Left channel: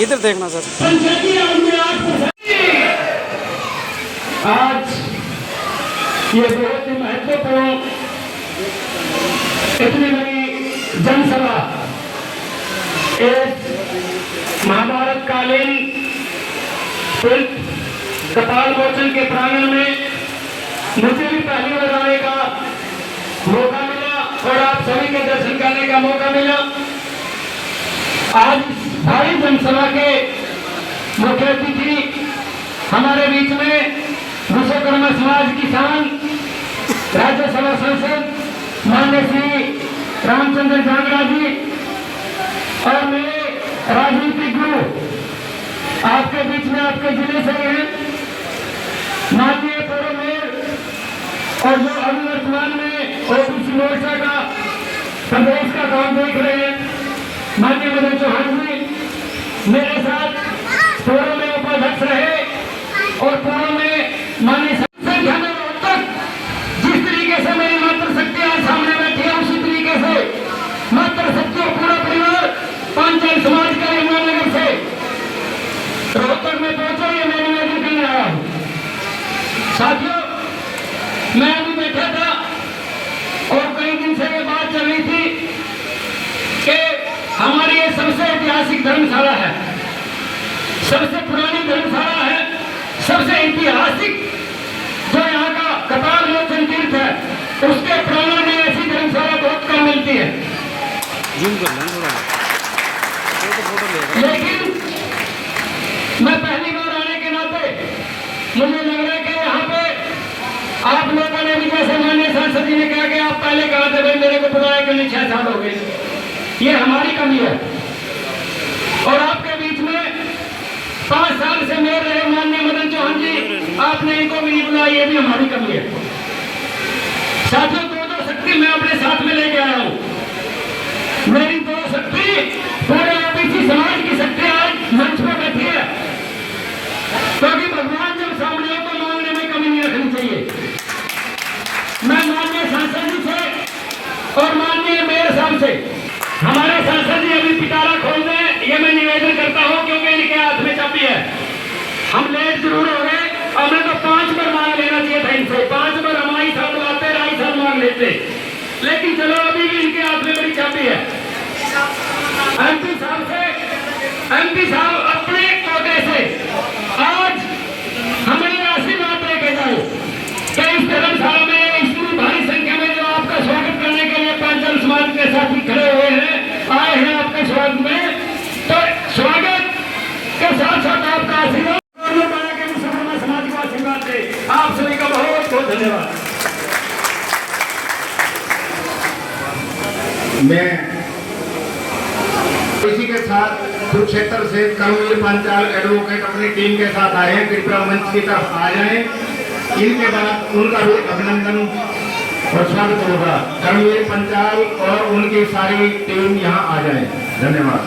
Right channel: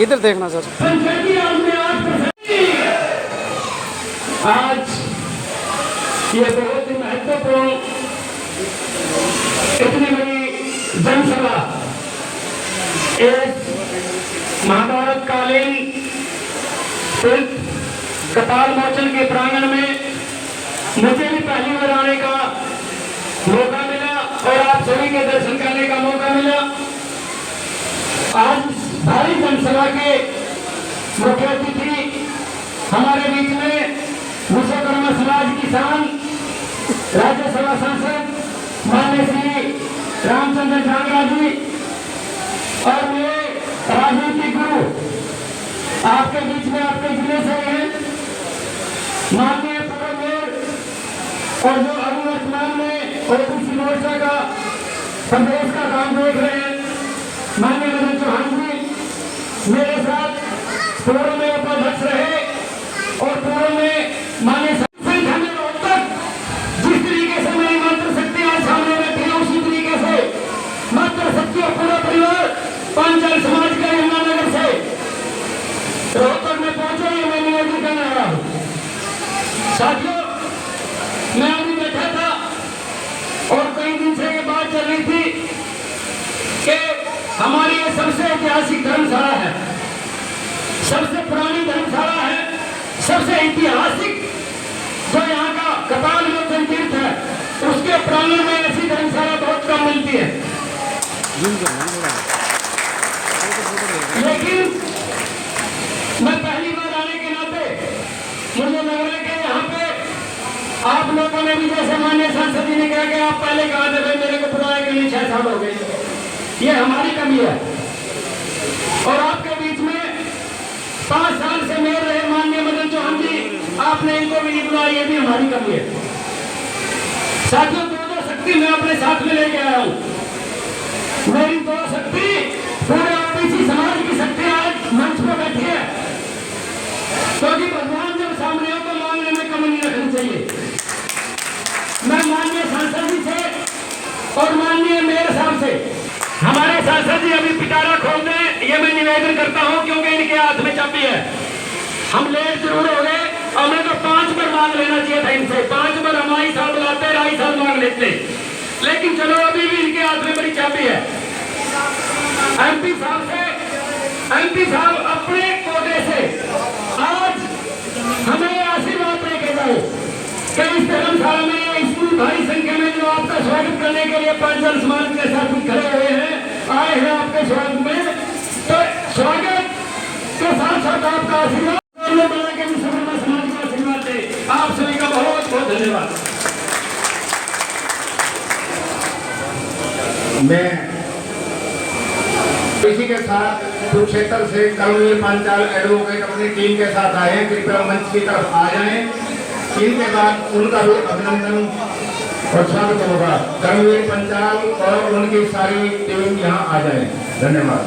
इधर देखना सर। आज ये बहुत ही महत्वपूर्ण इतनी बड़ी जनसभा एक महाभारत कालीन कपाल मोचन के प्रांगण में मुझे भी पहली बार आने का मौका मिला और आप सभी के दर्शन करने का मौका मिला। आज भारी जनसभा के मुख्य अतिथि हमारे बीच में विश्वकर्मा समाज किसान राज्यसभा सांसद माननीय श्री रामचंद्र जांगड़ा जी और मेरे राजनीतिक गुरु आपके बीच में आपके जिले से हैं माननीय पूर्व मेयर और जो अभी वर्तमान में ओबीसी मोर्चा का प्रदेश का काम देख रहे हैं माननीय मदन चौहान जी मेरे साथ पूर्व में उपाध्यक्ष रहे और पूर्व में माननीय संख्या में तक जिस तरीके से मेरी मातृशक्ति आज सामने बैठी है उसी तरीके से मातृशक्ति और पूरा परिवार पांचाल समाज का यमुनानगर से रोहतक में पहुंचा ये मैं निवेदन करने आया हूं। साथियों मैं अभी बैठा था और कई दिन से ये बात चल रही थी कि हमारी ये सबसे ऐतिहासिक धर्मशाला है, सबसे पुरानी धर्मशाला है, सबसे ऐतिहासिक जो यहाँ का कपाल मोचन तीर्थ है उसके प्रांगण में ऐसी धर्मशाला बहुत कम मिलती है। लेकिन मैं पहली बार आने के नाते मुझे लग रहा है कि यहाँ पे आप लोगों ने भी जैसे माननीय सांसद जी ने कहा कि आप पहले कहा थे भाई मेरे को बुलाया के लिए 6 साल हो गए, ये हमारी कमी है। और आपके बीच में 5 साल से मेयर रहे माननीय मदन चौहान जी आपने इनको भी नहीं बुलाया, ये भी हमारी कमी है। साथियों दो शक्ति मैं अपने साथ में लेके आया हूँ। मेरी दो शक्ति पूरे ओबीसी समाज की शक्ति आज मंच पर बैठी है क्योंकि भगवान जब सामने हो तो मांगने में कमी नहीं रखनी चाहिए। मैं माननीय सांसद जी से और माननीय मेयर साहब से हमारे सांसद जी अभी पिटारा खोल दें ये मैं निवेदन करता हूं क्योंकि इनके हाथ में चाबी है। हम लेट जरूर हो गए, हमें तो 5 बार मांग लेना चाहिए था इनसे, 5 बार हमारी साल बुलाते 2.5 साल मांग लेते, लेकिन चलो अभी भी इनके हाथ में बड़ी चाबी है। एमपी साहब अपने कोटे से आज हमें ऐसी बात लेके जाओ कि इस धर्मशाला में इतनी भारी संख्या में जो आपका स्वागत करने के लिए पांचाल समाज के साथी खड़े हुए हैं आए हैं आपके स्वागत में, तो स्वागत के साथ साथ आपका आशीर्वाद के विश्वकर्मा समाज का आशीर्वाद दे। आप सभी का बहुत बहुत धन्यवाद। मैं इसी के साथ कुरुक्षेत्र से कर्मवीर पांचाल एडवोकेट अपनी टीम के साथ आए, कृपया मंच की तरफ आ जाएं। इनके बाद उनका भी अभिनंदन और स्वागत होगा। कर्मवीर पांचाल और उनकी सारी टीम यहाँ आ जाए। धन्यवाद।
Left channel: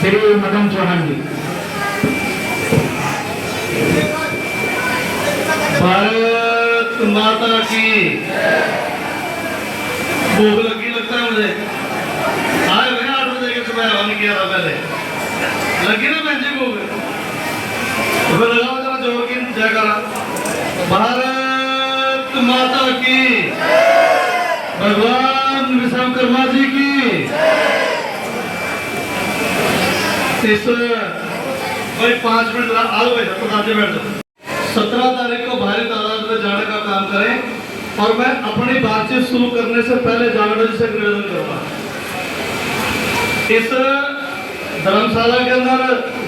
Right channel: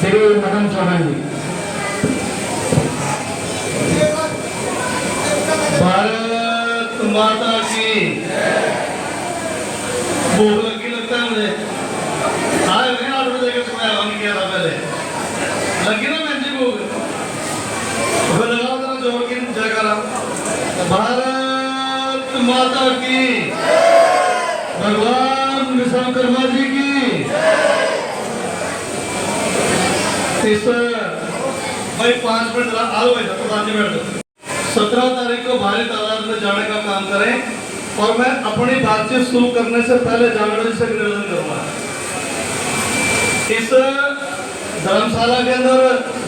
श्री मदन चौहान जी। भारत माता की भूख लगी लगता है मुझे। आज मैंने ऑर्डर देकर सुबह रवाना किया था, पहले लगी ना मैं भूख तो लगाओ जरा जोर की जयकारा। भारत माता की, भगवान विश्वकर्मा जी की। इस भाई 5 मिनट आओ प्रधान जी बैठ। 17 तारीख को भारी तादाद में जाने का काम करें और मैं अपनी बातचीत शुरू करने से पहले जांगड़ा जी से निवेदन करता हूं। इस धर्मशाला के अंदर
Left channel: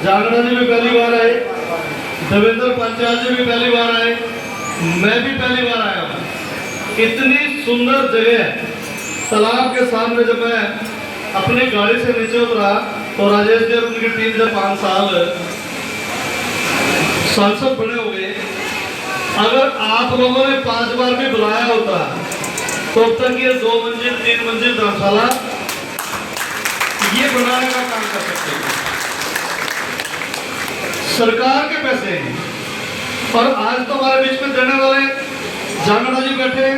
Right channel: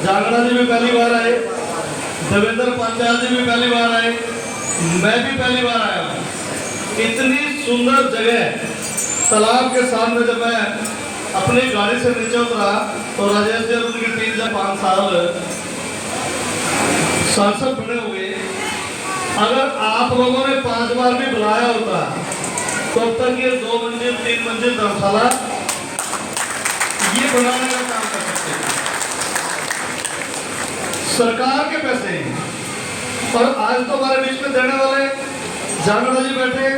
जांगड़ा जी भी पहली बार आए, देवेंद्र पांचाल जी भी पहली बार आए, मैं भी पहली बार आया हूं। इतनी सुंदर जगह तालाब के सामने जब मैं अपनी गाड़ी से नीचे उतरा तो राजेश जी उनकी टीम जब 5 साल सांसद बने हुए, अगर आप लोगों ने 5 बार भी बुलाया होता तो अब तक ये 2 मंजिल 3 मंजिल धर्मशाला ये बनाने का काम कर सकते हैं। सरकार के पैसे हैं और आज तो हमारे बीच में देने वाले जांगड़ा जी बैठे,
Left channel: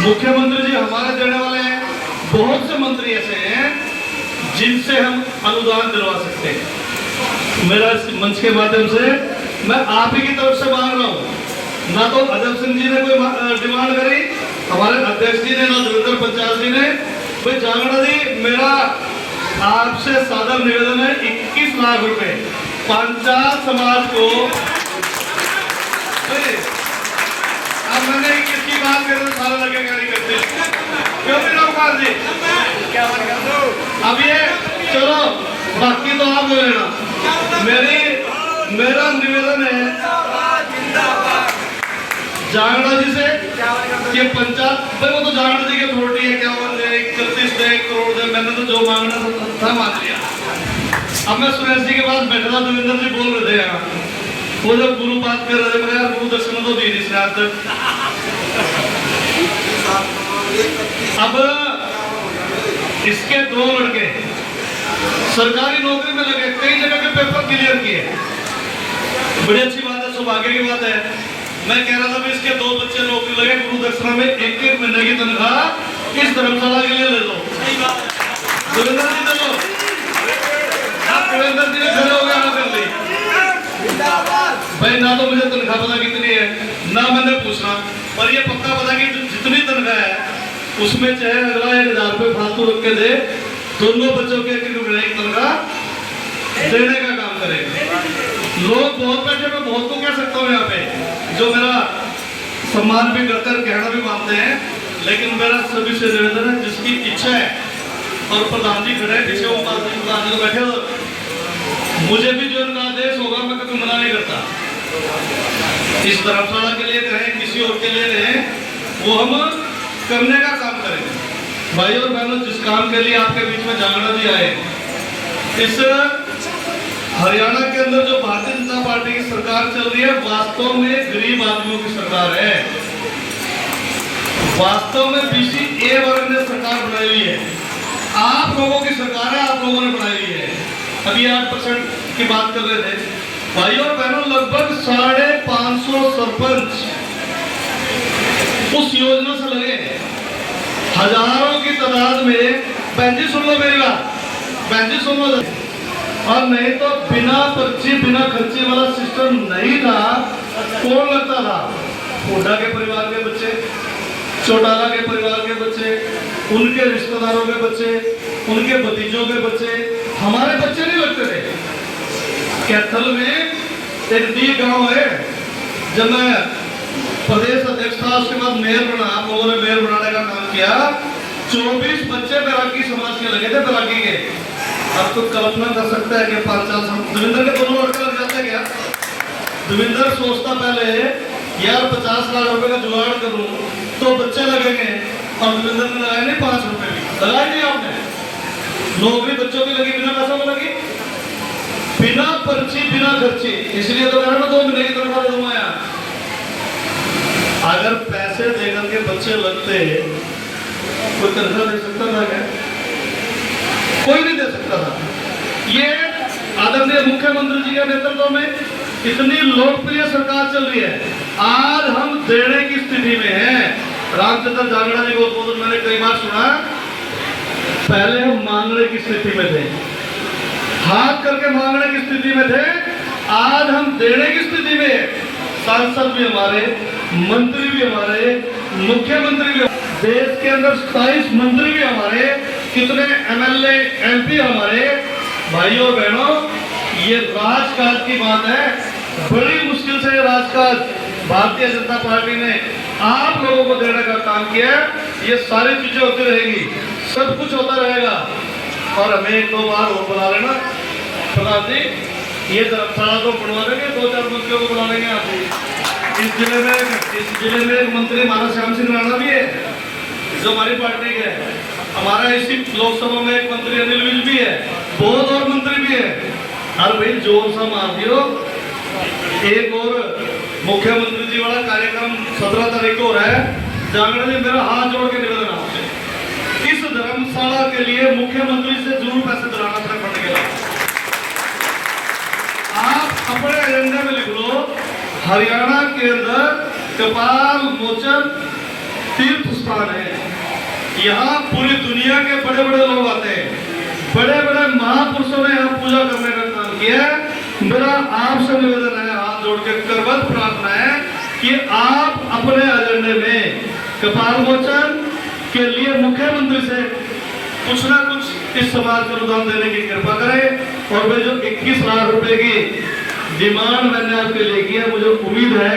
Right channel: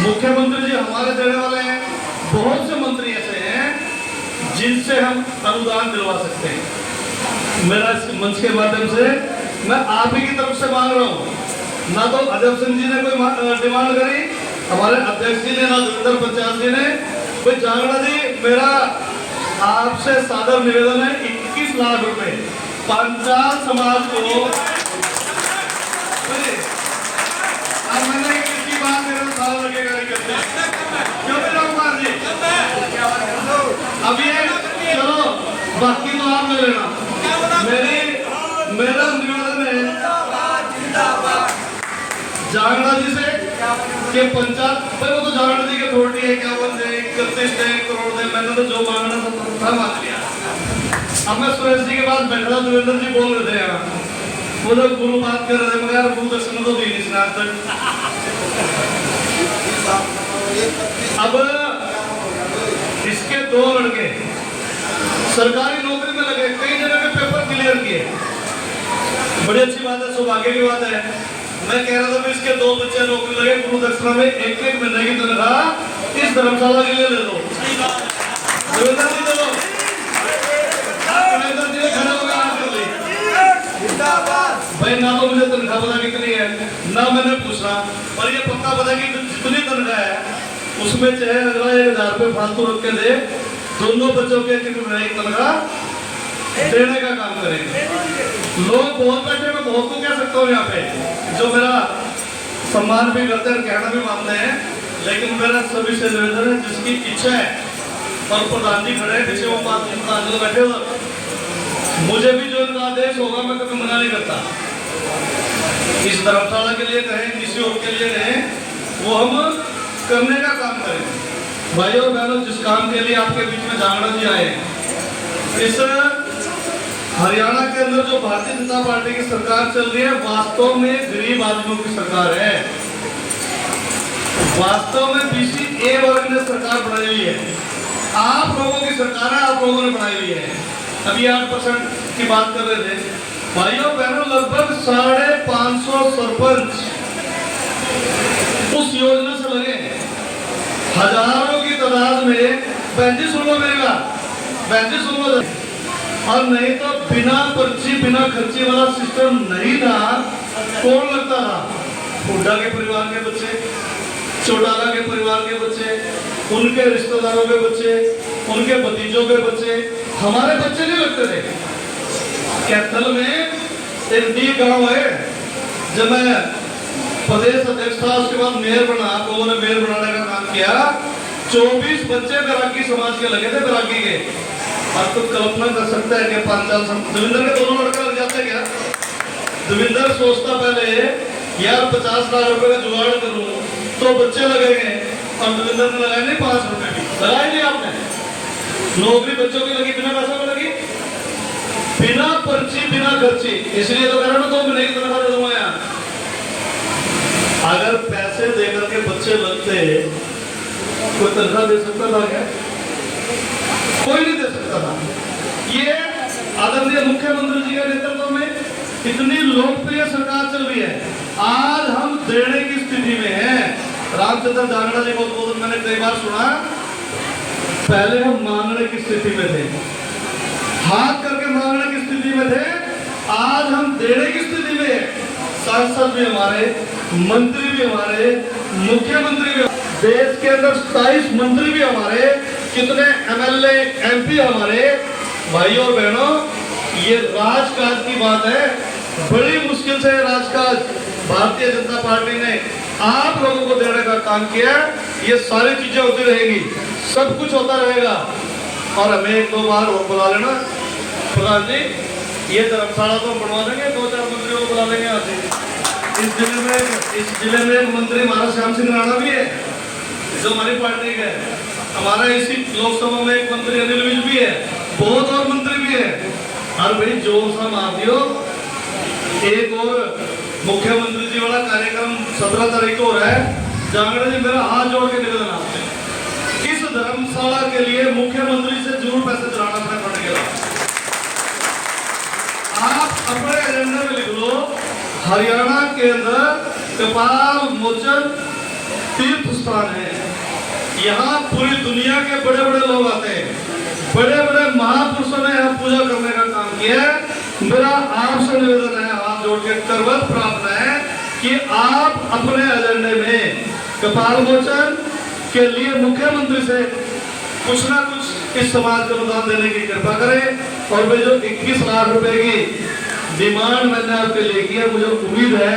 मुख्यमंत्री जी हमारे देने वाले हैं, बहुत से मंत्री ऐसे हैं जिनसे हम अनुदान दिलवा सकते हैं। मेरा इस मंच के माध्यम से मैं आप ही की तरफ से मांग रहा हूँ, ना तो अजय सिंह जी ने कोई डिमांड करी, हमारे अध्यक्ष जी ने, ना जोगिंदर पंचायत जी ने। भाई जांगड़ा जी, मेरा आपसे सादर निवेदन है, 21 लाख रुपए पंचाल समाज को। अब मैंने किसकी बात कर रहा हूँ, सारा लगे गाड़ी करते हैं, क्यों नहीं रामपाल जी? अब ये चलो, बाकी तो आप ले लेना। मेरा निवेदन है जांगड़ा जी से कि पंचायत, वो तो जांगड़ा जी की अथॉरिटी है, क्या बोलते हैं 31 करोड़ दे, मैंने तो जो मांगना था मांग लिया। अब मैं सुरेश जी के पास बैठा था, देवेंद्र जी बोल रहे थे, वो जब गुरु बात कर रहे थे, यार गुरु दक्षिण तो दी नहीं इसने आज तक। अब इसके 2 लड़के सरकारी नौकरी में लगे, कई जगह के पेपर क्लियर किए, बड़ी अच्छी बात है, सौभाग्य की बात है। मैं कह रहा था इसके 2 बच्चे नौकरी लगे, गुरु दक्षिणा में 1-1 महीने की तनख्वाह इस धर्मशाला के लिए ले दो। देवेंद्र जी दे दो, देवेंद्र जी ने खड़े हो गया कर दी भाई, ना तो मुझे तनख्वाह पता कितनी है, ना मैंने पूछना, और ये पक्का पता कि जितनी तनख्वाह है उसमें चाहे अगला 1000 रुपये फालतू रख के दे, दोनों बच्चों के 1-1 महीने की तनख्वाह देने का काम करेगा। लोग बहुत बैठे, मैं बहुत को कह सकता हूँ यहाँ पे, जो मेरा सम्मान भी करते हैं, कहना भी मानते हैं, लेकिन मेरा सभी से निवेदन है, जिसकी इच्छा है, और प्रधान जी खड़े पीछे, वो प्रधान जी बैठे, मुझे भी जो इनका आदेश होगा मैं कभी मना नहीं करता। इस धर्मशाला के लिए कहें, किसी और के लिए कहें, वो हम करने का काम करें। भाई और बहनों, जिस काम के लिए आपके बीच में जांगड़ा जी आए, इस हरियाणा के अंदर जो भारतीय जनता पार्टी की सरकार चल रही है, वास्तव में गरीब आदमियों की सरकार है, वास्तव में BC वर्ग ने सरकार बनाई हुई है, आप लोगों की सरकार है, आप लोगों ने बनाई हुई है। अभी 8% की बात कर रहे थे भाइयों बहनों, लगभग 550 सरपंच उस योजना से लगे हैं, हजारों की तादाद में। बहन जी सुन लो मेरी बात, बहन जी सुन लो, और नहीं तो बिना पर्ची बिना खर्ची वाला सिस्टम नहीं था, कौन लगता था? हुड्डा के परिवार के बच्चे, चौटाला के परिवार के बच्चे, उनके रिश्तेदारों के बच्चे, उनके भतीजों के बच्चे, हमारे बच्चे नहीं लगते थे। कैथल में एक दी गांव है, जब मैं प्रदेश अध्यक्ष था, उसके बाद मेयर बना, आप लोगों ने मेयर बनाने का काम किया, 24 बच्चे बैरागी समाज के लगे थे, बैरागी के। अब तो कल्पना कर सकता है कि 5 साल देवेंद्र के दोनों लड़के लग जाते क्या? देवेंद्र सोचता पहले यार 50 लाख रुपए का जुगाड़ करूं तो बच्चे लगेंगे, और देवेंद्र ने लगाए नहीं 5 रुपए भी लगाए नहीं आपने। नौकरी बच्चों की लगी, बिना पैसा में लगी, बिना पर्ची बिना खर्ची, इसलिए तो कहा ना 2 महीने की तनख्वाह दे दूंगा यार। अगर पैसे देकर के बच्चे लगते, कोई तनख्वाह दे सकता था क्या? कोई नहीं दे सकता था। ये आदरणीय मुख्यमंत्री जी के नेतृत्व में इतनी लोकप्रिय सरकार चल रही है, आज हम देने की स्थिति में हैं। रामचंद्र जांगड़ा जी को मैंने कई बार सुना, पहले हम मांगने की स्थिति में थे, हाथ करके मांगने की स्थिति में थे, आज हम देने की स्थिति में। सांसद भी हमारे, मंत्री भी हमारे, मुख्यमंत्री भी, देश के अंदर 27 मंत्री भी हमारे, कितने MLA MP हमारे। भाइयों और बहनों, ये राजकाज की बात है, बड़ी मुश्किल से राजकाज भारतीय जनता पार्टी ने आप लोगों को देने का काम किया। ये सारी चीजें होती रहेंगी, सब कुछ होता रहेगा, और हमें 1-2 बार और बुला लेना प्रधान जी, ये धर्मशाला तो बनवा देंगे, 2-4 मंत्रियों को बुला लेंगे आप। इस जिले में एक मंत्री हमारा श्याम सिंह राणा भी है, जो हमारी पार्टी के है। हमारा इसी लोकसभा में एक मंत्री अनिल विज भी है, बहुत और मंत्री भी है। हर भाई जोर सा मार दियो। एक और मुख्यमंत्री जी वाला कार्यक्रम 17 तारीख को हो रहा है। जांगड़ा जी, मेरा हाथ जोड़ के निवेदन आपसे, इस धर्मशाला के लिए मुख्यमंत्री से जरूर पैसे दिलाना अपने फंड के। आप अपने एजेंडे में लिख लो, हरियाणा के अंदर कपाल मोचन तीर्थ स्थान है, यहाँ पूरी दुनिया के बड़े बड़े लोग आते हैं, बड़े बड़े महापुरुषों ने यहाँ पूजा करने का काम किया है। आपसे निवेदन है, हाथ जोड़ के करवत प्रार्थना है कि आप अपने एजेंडे में कपाल मोचन के लिए मुख्यमंत्री से कुछ ना कुछ इस समाज को अनुदान देने की कृपा करें। और वे जो 21 लाख रुपए की डिमांड मैंने आपके लिए की है, मुझे उम्मीद है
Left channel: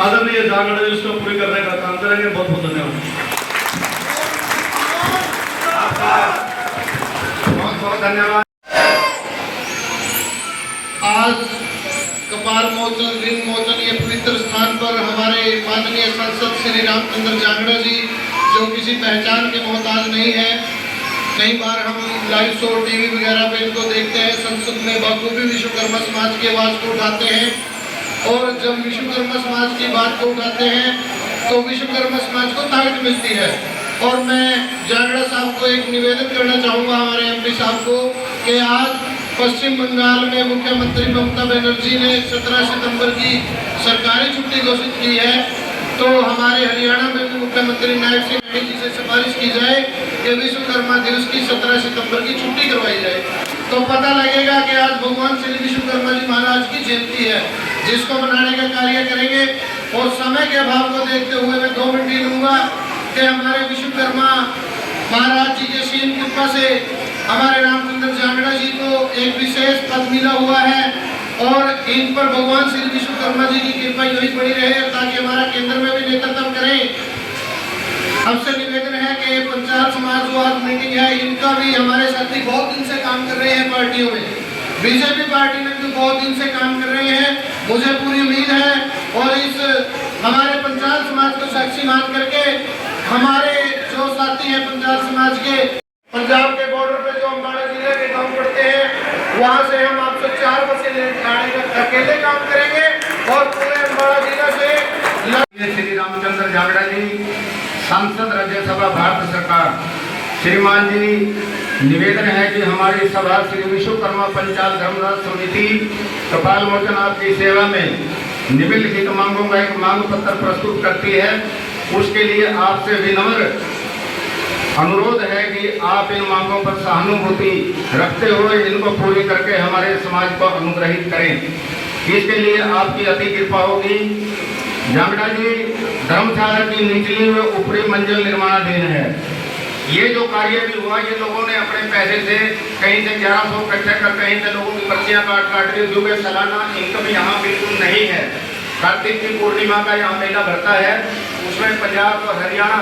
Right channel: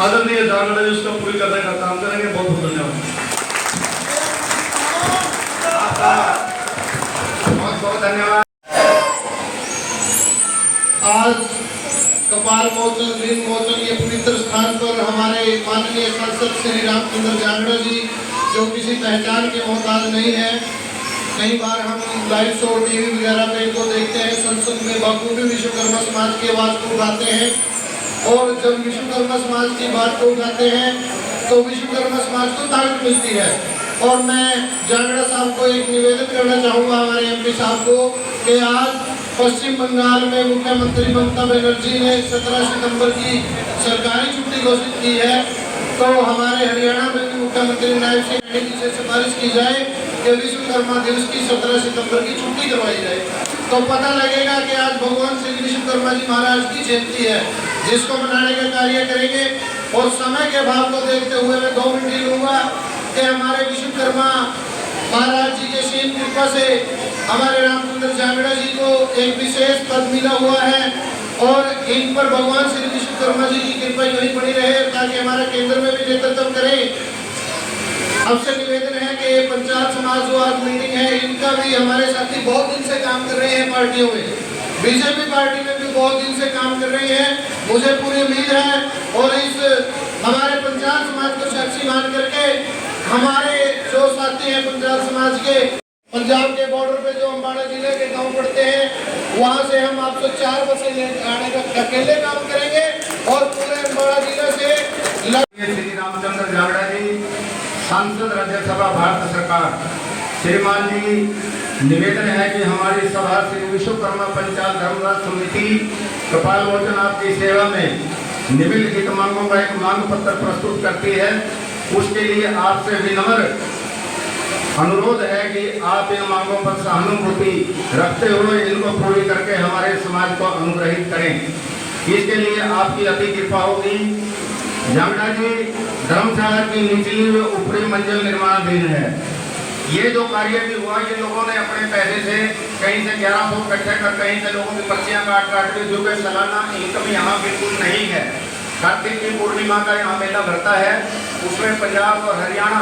आदरणीय जागरण जी उसको पूरी करने का काम करेंगे। बहुत बहुत धन्यवाद। बहुत बहुत धन्यवाद। आज कपाल मोचन लिंग मोचन ये पवित्र स्थान पर हमारे माननीय सांसद श्री रामचंद्र जांगड़ा जी, जो किसी पहचान के मोहताज नहीं है, कई बार हम लाइव शो टीवी वगैरह पे इनको देखते हैं, संसद में बखूबी विश्वकर्मा समाज की आवाज़ को उठाते हैं। और जब विश्वकर्मा समाज की बात को उठाते हैं तो विश्वकर्मा समाज को ताकत मिलती है। और मैं जांगड़ा साहब को एक निवेदन करना चाहूँगा, हमारे एमपी साहब को, कि आज पश्चिम बंगाल में मुख्यमंत्री ममता बनर्जी ने 17 सितंबर की सरकारी छुट्टी घोषित की है, तो हमारे हरियाणा में भी मुख्यमंत्री नायब सिंह राणे जी से सिफारिश की जाए कि विश्वकर्मा दिवस की 17 सितंबर की छुट्टी करवाई जाए। तो पता लगेगा कि आज भगवान श्री विश्वकर्मा जी महाराज की जयंती है, जिसको मनाने का कार्य करेंगे। और समय के अभाव को देखते हुए मैं 2 मिनट लूंगा कि हमारे विश्वकर्मा महाराज जी की असीम कृपा से हमारे रामचंद्र जांगड़ा जी को एक विशेष पद मिला हुआ है और इन पर भगवान श्री विश्वकर्मा जी की कृपा यही बनी रहे ताकि हमारा केंद्र में भी नेतृत्व करें। हमसे निवेदन है कि पंचायत समाज जो आज मीटिंग है, इनका भी हमारे साथी बहुत दिन से काम कर रहे हैं पार्टियों में, बीजेपी पार्टी में भी बहुत दिन से काम कर रहे हैं। मुझे पूरी उम्मीद है और इस हमारे पंचायत समाज को साक्षी मान करके हमारे जो साथी हैं पंचायत समाज के, पंजाब के बॉर्डर पे जो अम्बाड़ा जिले के गांव पड़ते हैं, वहां से हम आपसे 4 बसें आने का अकेले काम करेंगे और पूरे अम्बाड़ा जिला से श्री रामचंद्र जांगड़ा जी, सांसद राज्यसभा भारत सरकार। श्रीमान जी, निवेदन है कि हमारी सभा श्री विश्वकर्मा पंचाल धर्मराज समिति कपाल मोचन आपकी सेवा में निम्नलिखित मांगों का एक मांग पत्र प्रस्तुत करती है। उसके लिए आपसे विनम्र अनुरोध है कि आप इन मांगों पर सहानुभूति रखते हुए इनको पूरी करके हमारे समाज को अनुग्रहित करें। इसके लिए आपकी अति कृपा होगी। जांगड़ा जी, धर्मशाला की निचली व ऊपरी मंजिल निर्माणाधीन है। ये जो कार्य भी हुआ, ये लोगों ने अपने पैसे से कहीं से 1100 इकट्ठा कर, कहीं से लोगों की पर्चियां काट के, जो कि सालाना इनकम यहाँ बिल्कुल नहीं है। कार्तिक की पूर्णिमा का यहाँ मेला भरता है, उसमें पंजाब और हरियाणा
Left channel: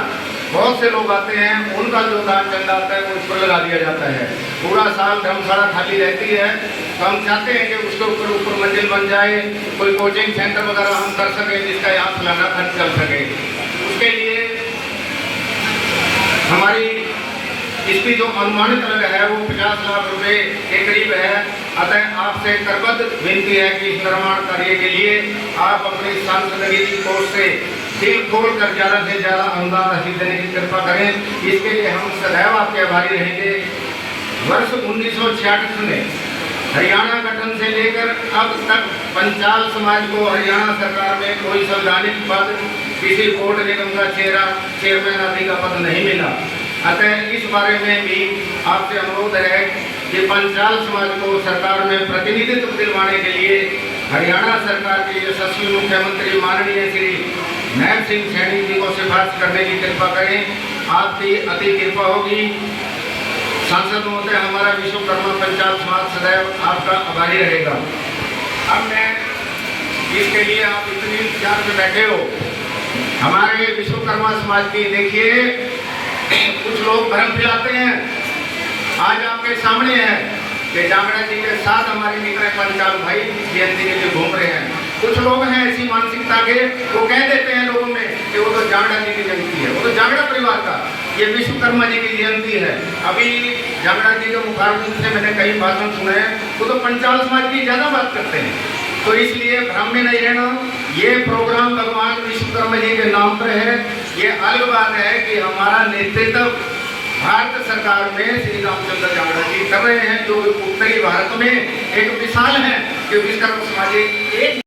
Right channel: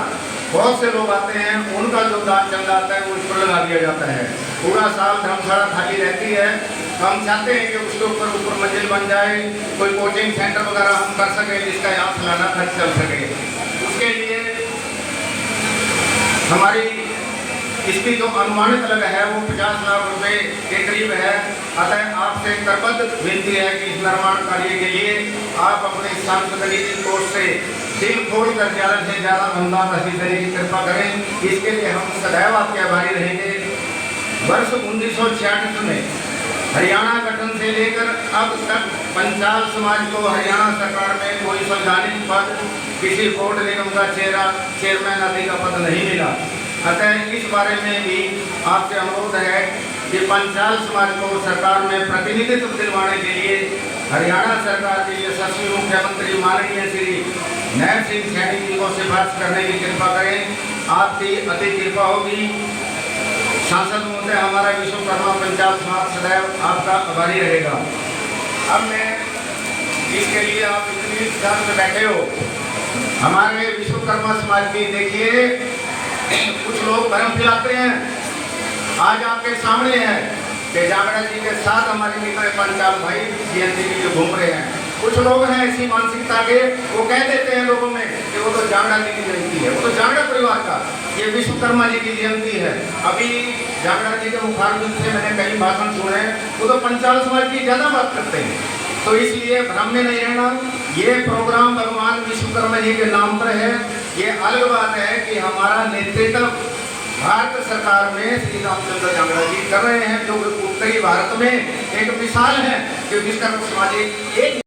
बहुत से लोग आते हैं, उनका जो दान चल जाता है वो उसको लगा दिया जाता है। पूरा साल धर्मशाला खाली रहती है, तो हम चाहते हैं कि उसके ऊपर मंजिल बन जाए, कोई कोचिंग सेंटर वगैरह हम कर सकें जिसका यहाँ सालाना खर्च चल सके। उसके लिए हमारी इसकी जो अनुमानित लागत है वो 50 लाख रुपए के करीब है। अतः आपसे करबद्ध विनती है कि इस निर्माण कार्य के लिए आप अपनी सांसदीय कोष से दिल खोल कर ज़्यादा से ज़्यादा अनुदान राशि देने की कृपा करें। इसके लिए हम सदैव आपके आभारी रहेंगे। वर्ष 1966 में हरियाणा गठन से लेकर अब तक पंचाल समाज को हरियाणा सरकार में कोई संवैधानिक पद, किसी बोर्ड निगम का चेयरमैन आदि का पद नहीं मिला। अतः इस बारे में भी आपसे अनुरोध है कि पंचाल समाज को सरकार में प्रतिनिधित्व दिलवाने के लिए हरियाणा सरकार के यशस्वी मुख्यमंत्री माननीय श्री नायब सिंह सैनी जी को सिफारिश करने की कृपा करें। आपकी अति कृपा होगी। सांसद महोदय, हमारा विश्वकर्मा पंचाल समाज सदैव आपका आभारी रहेगा। अब मैं इसके लिए आप इतनी इंतजार में बैठे हो, हमारे विश्वकर्मा समाज की देखिए कुछ लोग भ्रम फैलाते हैं। आज आपके सामने है कि जांगड़ा जी के साथ हमारे मित्र पंचाल भाई जयंती के लिए घूम रहे हैं। कुछ लोग हैं ऐसी मानसिकता के, वो कह देते हैं लोगों में कि वो तो जांगड़ा जी की जयंती है, वो तो जांगड़ा परिवार का, ये विश्वकर्मा जी की जयंती है। अभी जांगड़ा जी के मुखारबिंद से मैंने कई भाषण सुने, वो तो पंचाल समाज की ज़्यादा बात करते हैं। तो इसलिए भ्रम में नहीं रहना। ये प्रोग्राम भगवान विश्वकर्मा जी के नाम पर है। ये अलग बात है कि हमारा नेतृत्व भारत सरकार में श्री रामचंद्र जांगड़ा जी कर रहे हैं, जो उत्तरी भारत में एक मिसाल है कि विश्वकर्मा समाज एक